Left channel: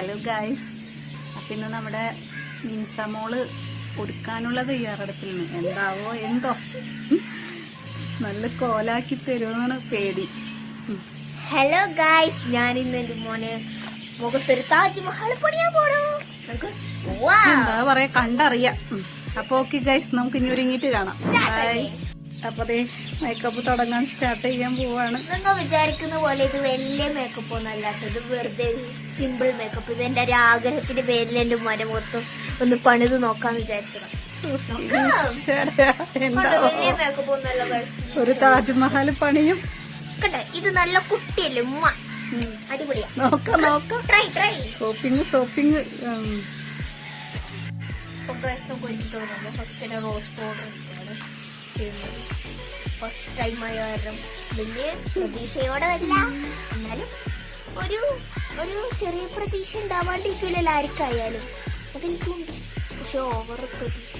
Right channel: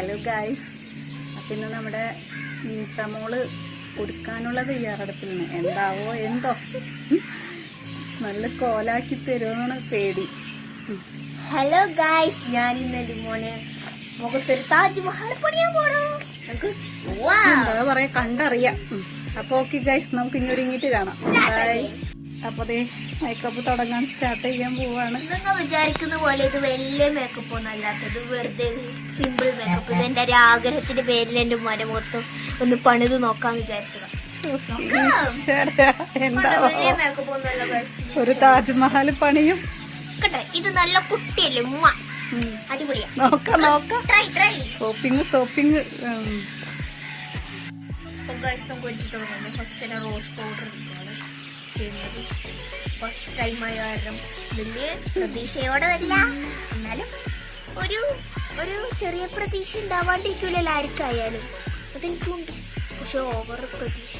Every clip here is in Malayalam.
ഹലോ ഗായ്സ് അപ്പം ഇന്ന് നമ്മുടെ മീൻസമോൾ തയ്യാറെടുപ്പിൽ തയ്യാറെടുപ്പിലാണ്. എന്താവോ എന്തോ. നല്ല കോലാക്കി തരുമെന്നാണ് പേടി. ഹലോ ഗായ്സ് ഞാൻ ഇന്ന് എന്റെ മോനെ മുഖത്തൊരു താജ്മഹൽ പണിയാൻ പോണു. എന്താ പറയാ കണ്ടറിയാം. അപ്പൊ ഓക്കെ ഗൈസ് നമുക്ക് ഇനി ഒരുങ്ങിയിട്ട് കാണാം ബൈ അപ്പൊ അതേ മേക്കപ്പ് തുടങ്ങാൻ സ്റ്റാർട്ട് ചെയ്യാൻ പോവാണ്. വിചാരിക്കുന്ന പോലെ ഇത് വലിയ മേക്കപ്പ് ഒന്നും അല്ലാത്തത് വെറുതെ സിമ്പിൾ മേക്കപ്പ് ഇത് എന്റെ ഒരു ആഗ്രഹത്തിന്റെ പേരിൽ എന്റെ മോനെ മൊത്തം ഒന്ന് പണിത് നോക്കാൻ വിചാരിച്ചത്. എന്താ. ഒരു താജ്മഹൽ പണിയും. ഇത് നല്ല കുട്ടിയല്ലേ ഉമ്മ? അടിപൊളിയാ. നോക്കാം നോക്കാം. Try try shopping shopping first rose powder ചെയ്യുന്നത്. ഫസ്റ്റ് ടൈം ആയ കാരണം ഇതിൽ പ്രതീക്ഷയോടെ വരില്ല. എന്നാലും ഒരു ഒരു ചെറിയ പ്രതീക്ഷ ഉണ്ടാവാണ്ടിരിക്കില്ലല്ലോ ആർക്കായാലും അതെനിക്കുണ്ട്. പക്ഷെ ഓവർ പ്രതീക്ഷ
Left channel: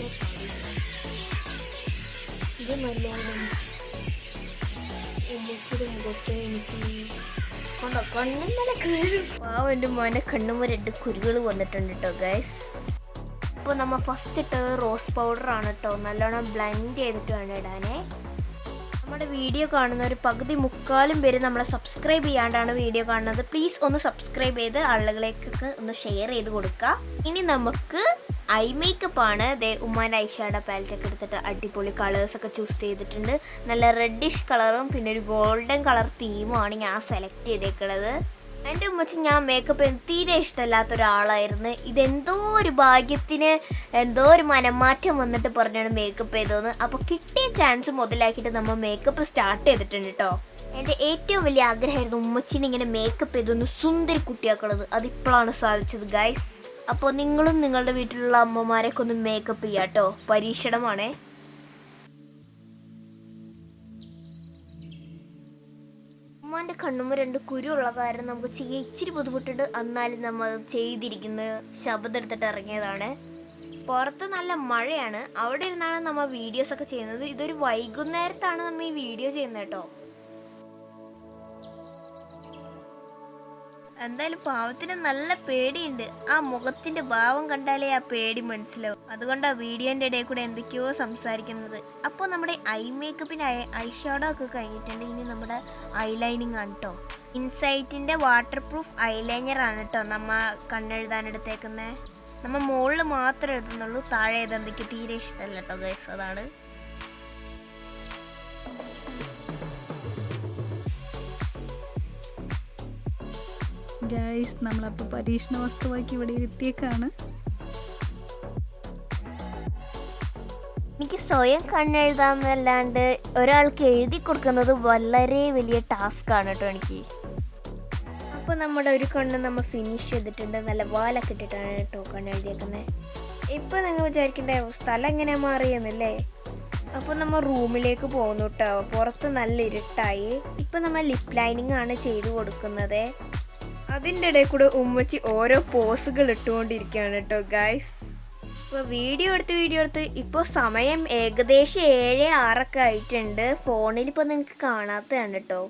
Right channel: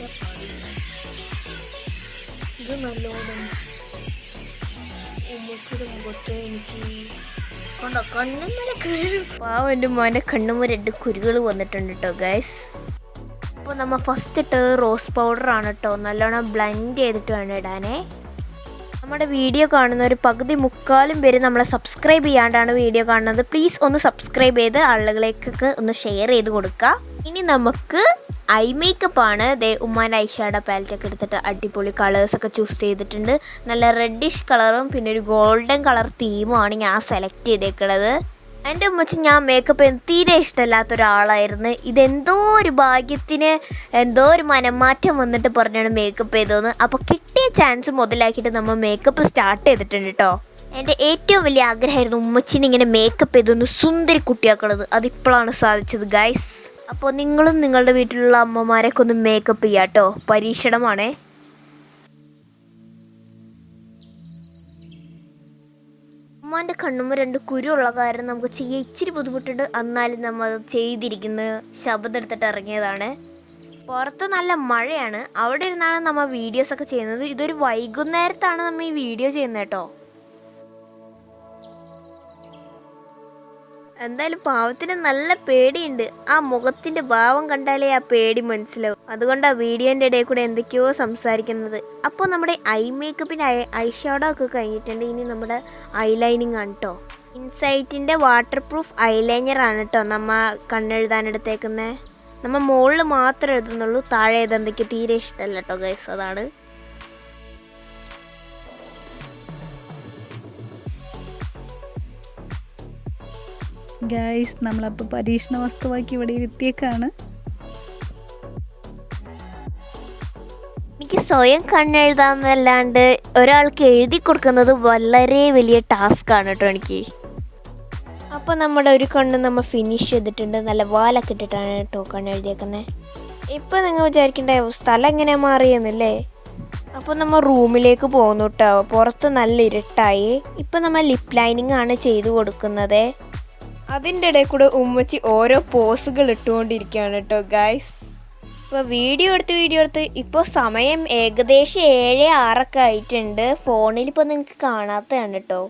ഇത് നല്ലോണം ഉമ്മച്ചിയുടെ മുഖത്ത് എനിക്ക് കൊണ്ടോ കണ്ണുമ്മല കീഴും പാവം എന്റെ രണ്ട് കുരുകൾ വന്നിട്ടുണ്ട് കേട്ടോ ഗൈസ് അപ്പോൾ നമ്മൾ ഫസ്റ്റ് ഇട്ടത് റോസ് പൗഡറാണ് കേട്ടോ. നല്ലോണം ബ്ലെൻഡ് ചെയ്തിട്ട് വേണം ഇടാനേ. നമ്മുടെ വീഡിയോ കാണുന്ന ഒരു പകുതി മുക്കാലും പേര് നമ്മളെ സബ്സ്ക്രൈബ് ചെയ്യാണ്ടാണ് വീഡിയോ കാണുന്നത്. പ്ലീസ് ഒന്ന് സബ്സ്ക്രൈബ് ചെയ്ത് ആളുകളിലേക്കൊക്കെ ഒന്ന് ഷെയർ ചെയ്ത് കൊടുക്കുക ഇനി നമുക്ക് ഐ മേക്കപ്പ് ആണ്. ദേ ഉമ്മാന്റെ ഐഷാഡ പാലറ്റൊക്കെ എടുത്തിട്ട് അടിപൊളി കളേഴ്സ് ഒക്കെ ചൂസ് ചെയ്തിട്ടുണ്ട്. നല്ല റെഡിഷ് കളറും പിന്നെ ഒരു ഗോൾഡൻ കളർ തീമുമാണ് ഞാൻ സെലക്ട് ചെയ്തേക്കുന്നത് എന്റെ ഉമ്മച്ചി ഞാൻ മേക്കപ്പ് തീരെ ഇഷ്ടമല്ലാത്ത ഒരാളായിരുന്നു ഇതെന്തോ ഒരു ഭാഗ്യത്തിന് എന്തോ ഒരു മനംമാറ്റം വന്നിട്ട് പറഞ്ഞാണ് മേക്കപ്പ് ചെയ്തതെന്ന്. അപ്പോൾ കിട്ടിയ ചാൻസ് മുതലാക്കിയിട്ട് നമ്മൾ മേക്കപ്പ് സ്റ്റാർട്ട് ചെയ്തിട്ടുണ്ട് കേട്ടോ എന്റെ ഏറ്റവും വലിയ ആഗ്രഹമായിരുന്നു ഉമ്മച്ചിനെ ഇങ്ങനെ മേക്കപ്പ് ചെയ്തൊന്ന് സുന്ദരി കുട്ടിയാക്കണത്. അതിപ്പോഴാണ് സാധിച്ചത് ഗൈസ് അപ്പോൾ നിങ്ങളും നിങ്ങളുടെ വീട്ടിലുള്ള അമ്മമാരൊക്കെ ഒന്ന് മേക്കപ്പ് ചെയ്യാം കേട്ടോ പരീക്ഷണമാണേ. ഉമ്മാന്റെ കണ്ണുമ്പോൾ രണ്ട് കുരുള്ള കാരണം നമുക്ക് ചെയ്യാൻ ഇച്ചിരി ബുദ്ധിമുട്ടുണ്ട്. എന്നാലും നമ്മൾ അത് ചെയ്തിരിക്കുന്നത് ശബ്ദം എടുത്തിട്ട് ഇറങ്ങിയതാണ്. പുറത്ത് നല്ല മഴയാണ്. അവിടെ ഇരുന്നാണ് നമ്മൾ വീഡിയോസൊക്കെ ചെയ്യുന്നത്. ഇതൊരു വൈകുന്നേരത്താണ് നമ്മൾ ഈ വീഡിയോ ചെയ്യുന്നത് കേട്ടോ. എന്തായാലും പാവത്തിന് നല്ല പേടിയുണ്ട്. ആ മുഖത്തിന്റെ ഭാവം കണ്ടാലേ ആ പേടി മനസ്സിലാവും. അതുകൊണ്ട് ആ വീഡിയോന്റെ ഇടയിൽ കൂടെ എന്തൊക്കെയോ സംസാരിക്കുന്നത്. അപ്പോൾ നമ്മുടെ ഐ മേക്കപ്പിന് ഐ ഷാഡോ ഒക്കെ കഴിഞ്ഞിട്ടുണ്ട്. ഇനി നമ്മുടെ ഐലൈനിങ് ആണ് കേട്ടോ ഇൻസൈറ്റിന്റെ വാട്ടർ പ്രൂഫ് ഐലൈനർ ആണ് കേട്ടോ നമ്മ കണ്ണെഴുതാൻ എടുത്തേക്കുന്നത് നമ്മ മുകളിൽ മാത്രമേ എഴുതുന്നുള്ളൂ. താഴെ എഴുതാൻ തീരെ ഇഷ്ടമല്ല കേട്ടോ ഗൈസ്. അതാണ് ഗൈസ് നമ്മളപ്പോൾ പരീക്ഷണ വസ്തുവാക്കി ഇവിടെ ഇരുത്തിയേക്കാണ്. എനിക്ക് സ്വയം കണ്ണെഴുതാന്നല്ലാണ്ട് ഒരാൾക്ക് എഴുതി കൊടുക്കുന്നത് വളരെ വലിയ ടാസ്ക് ആണ് കേട്ടോ എനിക്ക്. അപ്പോൾ നമ്മുടെ ഒരു കണ്ണ് നമ്മൾ ഫിനിഷ് ചെയ്തിട്ടുണ്ട്. നല്ല വാലൊക്കെ ഇട്ടിട്ടാണ് കേട്ടോ കണ്ണെഴുതിയേക്കുന്നത് ഇപ്പോൾ നിങ്ങൾ വിചാരിക്കേണ്ട സ്ഥലം എങ്ങനെ മാറിയെന്നല്ലേ? അപ്പോൾ നമ്മൾ റൂമിലേക്ക് പോകുന്നു കേട്ടോ. പുറത്ത് നല്ല ഇരുട്ടായി. ഇപ്പം നമ്മൾ ലിപ് ലൈനിങ് ആണ് ചെയ്തു കൊടുക്കുന്നത്. അതിന്റെ ഇടയിൽ കൂടെ ഉമ്മച്ചി ഓരോ പോസുകൾ ഇട്ടുകൊണ്ടിരിക്കുകയാണ് കേട്ടോ ഗായ്സ് ഇപ്പോൾ വീഡിയോ എടുത്ത് വീഡിയോ എടുത്ത് ഇപ്പോൾ സമയം ഏകദേശം ഏഴ് ആറൊക്കെ ആയിട്ടുണ്ട്. ഫോണിൽ ഇപ്പോൾ നിങ്ങൾക്ക് കാണാത്തതാണ് കേട്ടോ.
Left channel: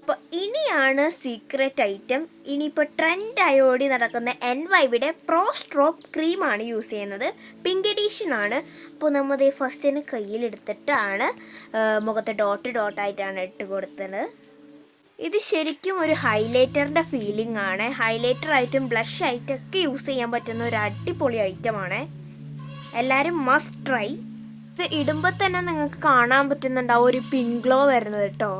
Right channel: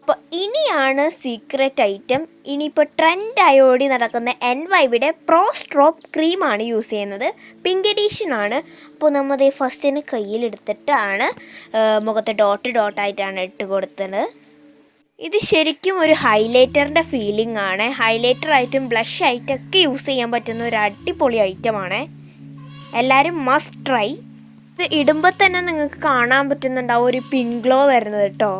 അപ്പോൾ ഇനിയാണ് സീക്രട്ട് ഐറ്റം ഇനിയിപ്പോൾ ട്രെൻഡായി ഓടി നടക്കുന്ന എൻ വൈവിടെ പ്രോ സ്ട്രോപ്പ് ക്രീമാണ് യൂസ് ചെയ്യുന്നത്. പിങ്ക് എഡീഷൻ ആണ്. അപ്പോൾ നമ്മൾ ഫസ്റ്റിന് കയ്യിലെടുത്തിട്ടാണ് മുഖത്ത് ഡോട്ട് ഡോട്ടായിട്ടാണ് ഇട്ട് കൊടുത്തത്. ഇത് ശരിക്കും ഒരു ഹൈലൈറ്ററിന്റെ ഫീലിംഗ് ആണ്. ഹൈലൈറ്റർ ആയിട്ടും ബ്ലഷ് ആയിട്ടും ഒക്കെ യൂസ് ചെയ്യാൻ പറ്റുന്ന ഒരു അടിപൊളി ഐറ്റമാണ് എല്ലാവരും മസ്റ്റ് ട്രൈ ഇത് ഇടുമ്പോൾ തന്നെ നിങ്ങൾക്ക് കാണാൻ പറ്റുന്നുണ്ടാവും ഒരു പിൻ ഗ്ലോ വരുന്നത് കേട്ടോ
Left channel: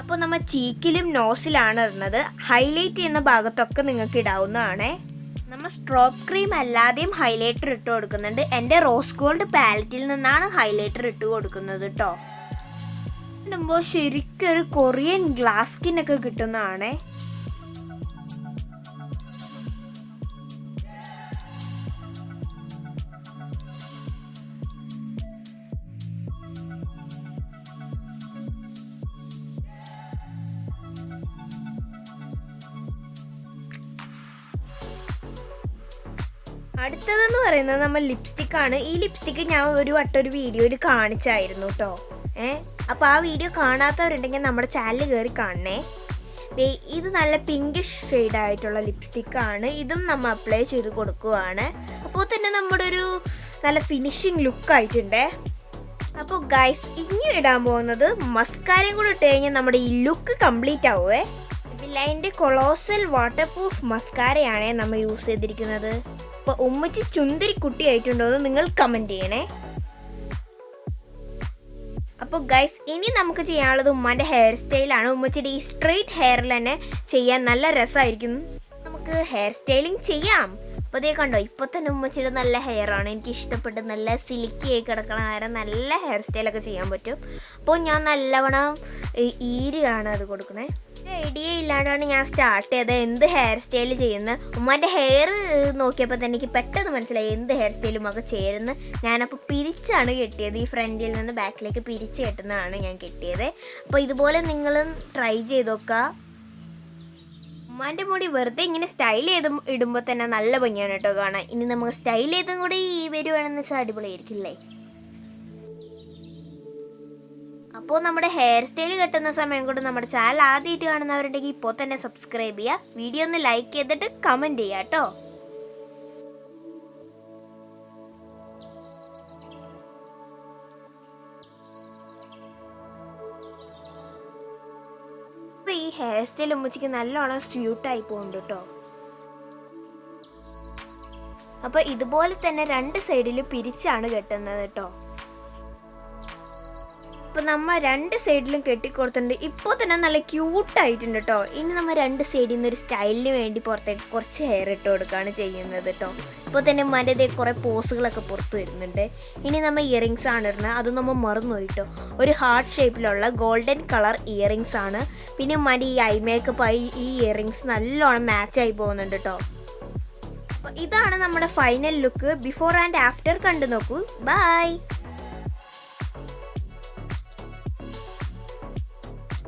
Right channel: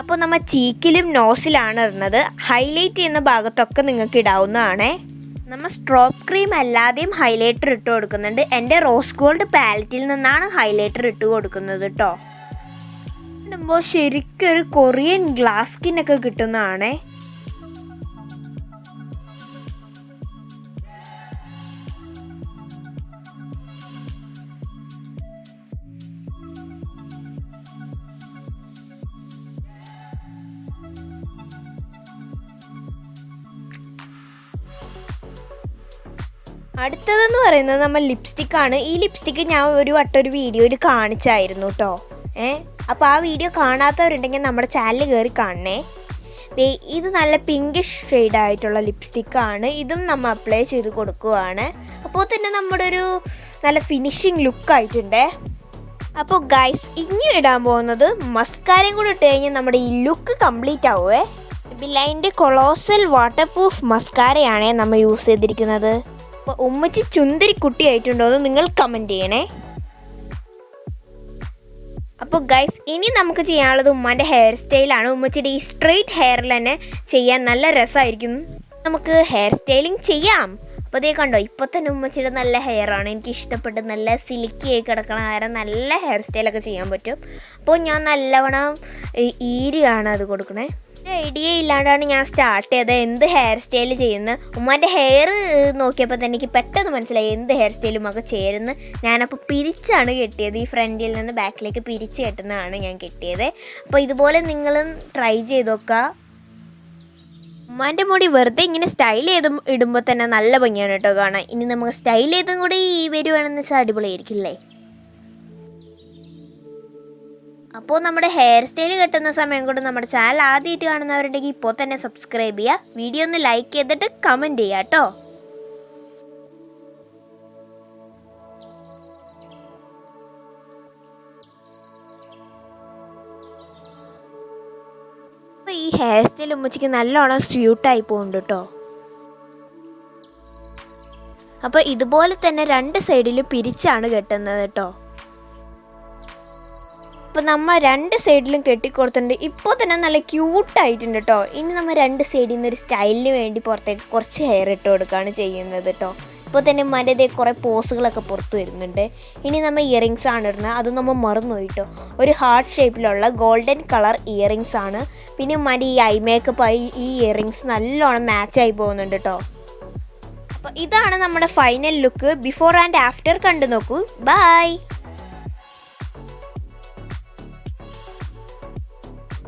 അപ്പോൾ നമ്മൾ ചീക്കിലും നോസിലാണ് ഇടുന്നത്. ഹൈലൈറ്റ് ചെയ്യുന്ന ഭാഗത്തൊക്കെ നിങ്ങൾക്ക് ഇടാവുന്നതാണേ. നമ്മൾ സ്ട്രോപ്പ് ക്രീം അല്ലാതെയും ഹൈലൈറ്റർ ഇട്ട് കൊടുക്കുന്നുണ്ട്. എന്റെ റോസ് ഗോൾഡ് പാലറ്റിൽ നിന്നാണ് ഹൈലൈറ്റർ ഇട്ട് കൊടുക്കുന്നത് കേട്ടോ ഇടുമ്പോൾ ശരിക്കും ഒരു കൊറിയൻ ഗ്ലാസ് സ്കിന്നൊക്കെ കിട്ടുന്നതാണേ. അടുത്തതെന്ന് പറയുന്നത് നമ്മൾ ലിപ്സ്റ്റിക് ആണ്. ഈ ലിപ്സ്റ്റിക്ക് ഞാൻ ഒരു വട്ടം ഒരു വീഡിയോയിൽ കാണിച്ചായിരുന്നു കേട്ടോ ഏ? അപ്പോൾ ആ വീഡിയോ കാണാത്തവരുണ്ടെങ്കിൽ നമ്മുടെ ചാനൽ കയറി കാണണേ. ഇത് നല്ല പിങ്കിഷ് ഷെയ്ഡ് ആയിട്ടുള്ള ലിപ്സ്റ്റിക്കാണ് ഇതും നമ്മൾ അപ്ലൈ ചെയ്ത് കൊടുക്കുകയാണ് അപ്പോൾ തന്നെ നമ്മുടെ ഒരു നല്ല ഫിനിഷിങ് ലുക്ക് ആയിട്ടുണ്ട്. അപ്പോൾ ഗൈസ് ഇനി ഇടാൻ പോകുന്നത് മസ്കാരയും കൂടെ ഇട്ട് കഴിഞ്ഞാൽ നമ്മുടെ ഈ ലുക്ക് കംപ്ലീറ്റ് ആവുമേ ബിലൈന്റെ കൊളോസൽ വാട്ടർ പ്രൂഫ് മസ്കാരയാണ് നമ്മൾ യൂസ് ചെയ്തിരിക്കുന്നത്. അപ്പോൾ ഉമ്മച്ചി ചുന്ദരി കുട്ടിയായിട്ടുണ്ടോ എന്ന് നിങ്ങൾ കമന്റ് ചെയ്യണേ. അപ്പോൾ ഗൈസ് ഇനി നമുക്ക് ചെയ്യാനുള്ളത് ഉമ്മാന്റെ ഹെയർ സ്റ്റൈലാണ് ഉമ്മച്ചിയുടെ ഈ സ്ട്രെയിറ്റ് ഹെയറിൽ തന്നെ ചെയ്യാൻ നല്ല രസമായിരിക്കും. നമുക്ക് ഹെയർ സ്റ്റൈലിംഗ് ചെയ്യാം. അപ്പോൾ കണ്ടോ ഇപ്പോൾ തന്നെ ഉമ്മച്ചിയുടെ നല്ല ഹെയർ ആണ്. എനിക്ക് ഇഷ്ടപ്പെട്ട് നല്ല സിലിക്കി ആയി കിടക്കണ ഹെയർ നല്ല ഹെയർ സ്റ്റൈലൊക്കെ ചെയ്യാൻ പറ്റും. അപ്പോൾ ഞാൻ നല്ലവണ്ണം ഈരിയാണ് അത് കൊടുക്കണേ. ഐഡിയ ഇല്ലാണ്ടാണ് ഞാൻ സ്റ്റാർട്ട് ചെയ്തത്. എന്ത് ഹെയർ സ്റ്റൈൽ ചെയ്യുന്നത് ഉമ്മാന്റെ ഹെയർ നോക്കിയപ്പോൾ തന്നെ എനിക്ക് പെട്ടെന്ന് മനസ്സിലായി എന്ത് ഹെയർ സ്റ്റൈലും ഒക്കെ ചേരുന്ന. ഞാനപ്പോൾ പിരിച്ചാണ് കെട്ടിയത്. ഈ ഫ്രണ്ടിൽ നിന്ന് ബാക്കിലേക്ക് പിരിച്ച് കെട്ടുന്നതാണ് ഞാൻ കെട്ടിയത്. അപ്പോൾ ഇതുപോലെ നിങ്ങളും ട്രൈ ചെയ്ത് നോക്കുക. ഉമ്മാന്റെ മുടി വെറുതെ ഇങ്ങനെ സ്റ്റൈൽ ചെയ്ത് ഇടുമ്പോൾ തന്നെ നല്ല ഭംഗിയാണ് കേട്ടോ കാണാൻ. ഇനി നമുക്ക് സ്റ്റൈൽ ചെയ്തും കൂടി വരുവാണെന്ന് വെച്ചാൽ അടിപൊളിയായിരിക്കില്ലേ? അപ്പോൾ നമ്മുടെ ഹെയർ സ്റ്റൈൽ കെട്ടുന്ന സമയം കൊണ്ട് നമ്മുടെ ചാനൽ ആദ്യമായിട്ട് കാണുന്നവരുണ്ടെങ്കിൽ ഇപ്പോൾ തന്നെ സബ്സ്ക്രൈബ് ചെയ്യുക. വീഡിയോ ഒന്ന് ലൈക്ക് ചെയ്തിട്ട് കമന്റ് ചെയ്യാം കേട്ടോ. ഹെയർ സ്റ്റൈൽ ഉമ്മച്ചിക്ക് നല്ലോണം സ്യൂട്ടായി പോകുന്നുണ്ട് കേട്ടോ അപ്പോൾ ഇതുപോലെ തന്നെ രണ്ട് സൈഡിലും പിരിച്ചാണ് കെട്ടുന്നത് കേട്ടോ അപ്പോൾ നമ്മൾ രണ്ട് സൈഡിലും കെട്ടിക്കൊടുത്തിട്ടുണ്ട്. ഇപ്പോൾ തന്നെ നല്ല ക്യൂട്ടായിട്ടുണ്ട് കേട്ടോ ഇനി നമ്മൾ രണ്ട് സൈഡിൽ നിന്ന് ഒരു സ്റ്റൈലിന് വേണ്ടി പുറത്തേക്ക് കുറച്ച് ഹെയർ ഇട്ട് കൊടുക്കുകയാണ് ചെയ്യുന്നത് കേട്ടോ ഇപ്പോൾ തന്നെ മനതേ കുറേ പോസുകളൊക്കെ പുറത്തു വരുന്നുണ്ട്. ഇനി നമ്മൾ ഇയറിങ്സ് ആണ് ഇടുന്നത്. അത് നമ്മൾ മറന്നു കേട്ടോ ഒരു ഹാർട്ട് ഷേപ്പിലുള്ള ഗോൾഡൻ കളർ ഇയറിങ്സ് ആണ്. പിന്നെ മന ഈ ഐ മേക്കപ്പ് ആയി ഈ ഇയറിങ്സ് നല്ലോണം മാച്ചായി പോകുന്നുണ്ട് കേട്ടോ അപ്പോൾ ഇതാണ് നമ്മുടെ final look before and after കണ്ടു നോക്കൂ. ബൈ